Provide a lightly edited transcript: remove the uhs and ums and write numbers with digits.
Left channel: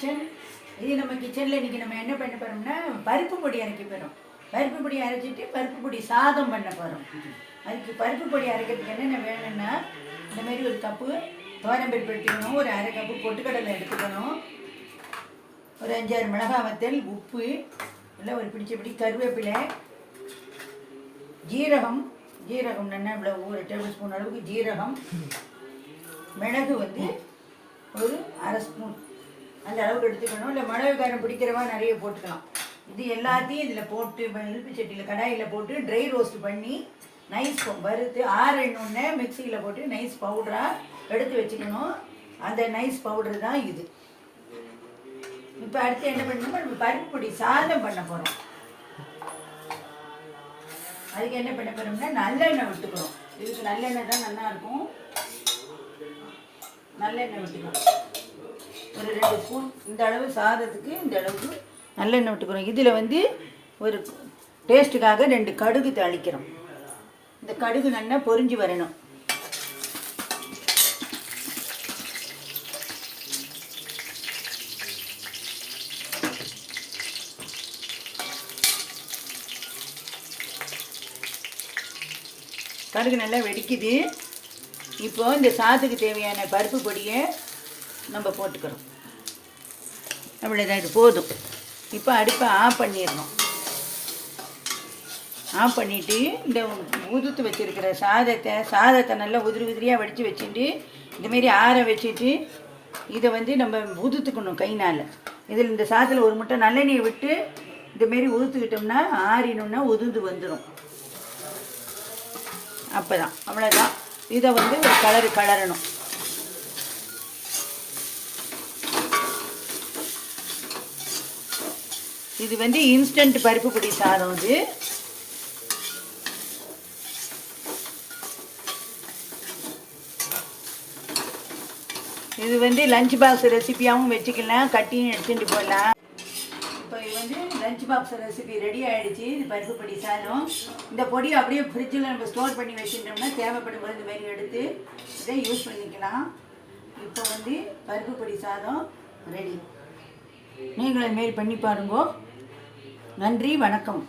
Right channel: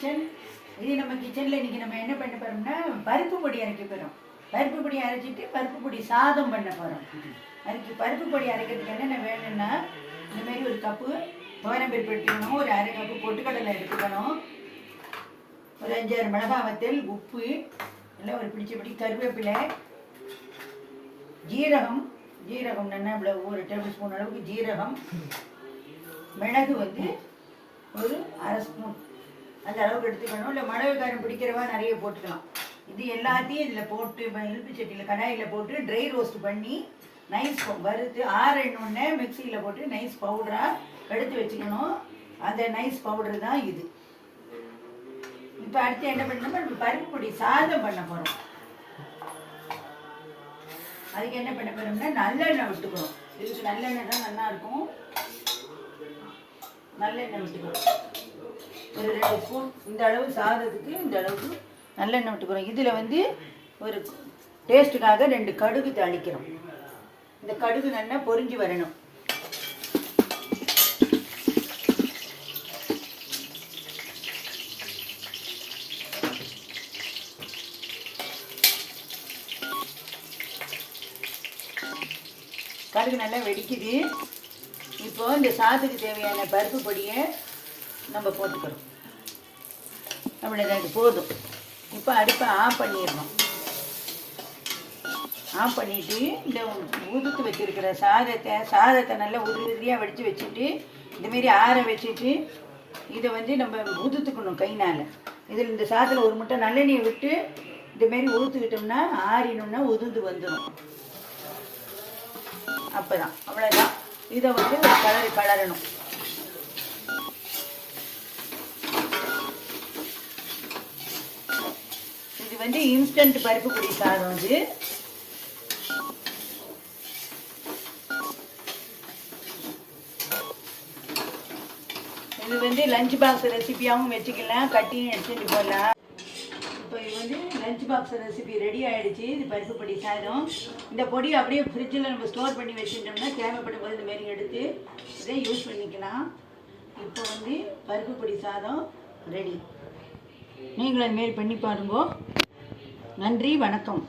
Kitchen. இது நம்ம கிச்சனில் இன்றைக்கி நம்ம என்ன பண்ண போகிறோம்னா பருப்பு பொடி அரைக்க போகிறோம். பருப்பு பொடி அரைச்சிட்டு பருப்பு பொடி சாதம் பண்ண போகிறோம். அதுக்கு பருப்பு பொடி அரைக்கிறதுக்கு என்னென்ன வேணும்னா இந்த மாதிரி ஒரு கப்பு துவரம்பருப்பு எடுத்துக்கணும், ஒரு அரை கப்பு பொட்டுக்கடலை எடுத்துக்கணும், ஒரு 5-6 மிளகாய் வத்தல், உப்பு, இல்லை ஒரு பிடிச்சபடி கருவேப்பிலை, ஜீரகம் நல்லா இவ்வளோ 1 டேபிள் ஸ்பூன் அளவுக்கு ஜீரகம், மிளகு வந்து ஒரு அரை ஸ்பூன் அந்த அளவுக்கு எடுத்துக்கணும். இல்லை மிளகு காரம் பிடிக்கிறவா நிறைய போட்டுக்கலாம். இது எல்லாத்தையும் இதில் போட்டு இழுப்பு சட்டியில் கடாயில் போட்டு ட்ரை ரோஸ்ட் பண்ணி நைஸ் வறுத்து ஆறணுன்னே மிக்சியில் போட்டு நைஸ் பவுடராக எடுத்து வச்சுக்கணும். அந்த நைஸ் பவுடர் தான் இது. இப்போ அடுத்து என்ன பண்ணணும்னா நம்ம பருப்பு பொடி சாதம் பண்ண போகிறோம். அதுக்கு என்ன பண்ண போகிறோம்னா நல்லெண்ணெய் விட்டுக்கணும். இதுக்கு நல்லெண்ணெய் தான் நல்லாயிருக்கும். நல்லெண்ணெய் விட்டுக்கணும், ஒரு 2 ஸ்பூன். இந்த அளவு சாதத்துக்கு இந்த அளவுக்கு நல்லெண்ணெய் விட்டுக்கிறோம். இதில் வந்து ஒரு டேஸ்ட்டுக்காக 2 கடுகு தாளிக்கிறோம். இந்த கடுகு நல்லா பொரிஞ்சு வரணும். கடுகு நல்லா வெடிக்குது. இப்போ இந்த சாதத்துக்கு தேவையான பருப்பு பொடியை நம்ம போட்டுக்கிறோம். அவ்வளோதான், இது போதும். இப்போ அடுப்பை ஆஃப் பண்ணிடணும். ஆஃப் பண்ணிவிட்டு இந்த உதுத்து வச்சுருக்கிற சாதத்தை நல்லா உதிரியாக வடித்து வச்சுட்டு இந்தமாரி ஆற வச்சுட்டு இதை வந்து நம்ம உதுத்துக்கணும் கைனால். இதில் இந்த சாதத்தில் ஒரு முட்டை நல்லெண்ணெயை விட்டு இந்தமாரி உதுத்துக்கிட்டோம்னா ஆறினோம்னா உதுந்து வந்துடும். அப்போ தான் அவ்வளோதான். இதை வந்து ஒரு கலரணும். இது வந்து இன்ஸ்டன்ட் பருப்பு பொடி சாதம். இது வந்து லஞ்ச் பாக்ஸ் ரெசிபியாகவும் வச்சுக்கலாம், கட்டியும் எடுத்துட்டு போடலாம். இப்போ இது வந்து லஞ்ச் பாக்ஸ் ரெசிபி ரெடி ஆகிடுச்சு. இது பருப்பு பொடி சாதம். இந்த பொடி அப்படியே ஃப்ரிட்ஜில் நம்ம ஸ்டோர் பண்ணி வச்சுட்டோம்னா தேவைப்படும் போது இந்த மாதிரி எடுத்து இதை யூஸ் பண்ணிக்கலாம். இப்போ வந்து பருப்பு பொடி சாதம் ரெடி. நீங்களும் இதுமாரி பண்ணி பாருங்க. நன்றி, வணக்கம்.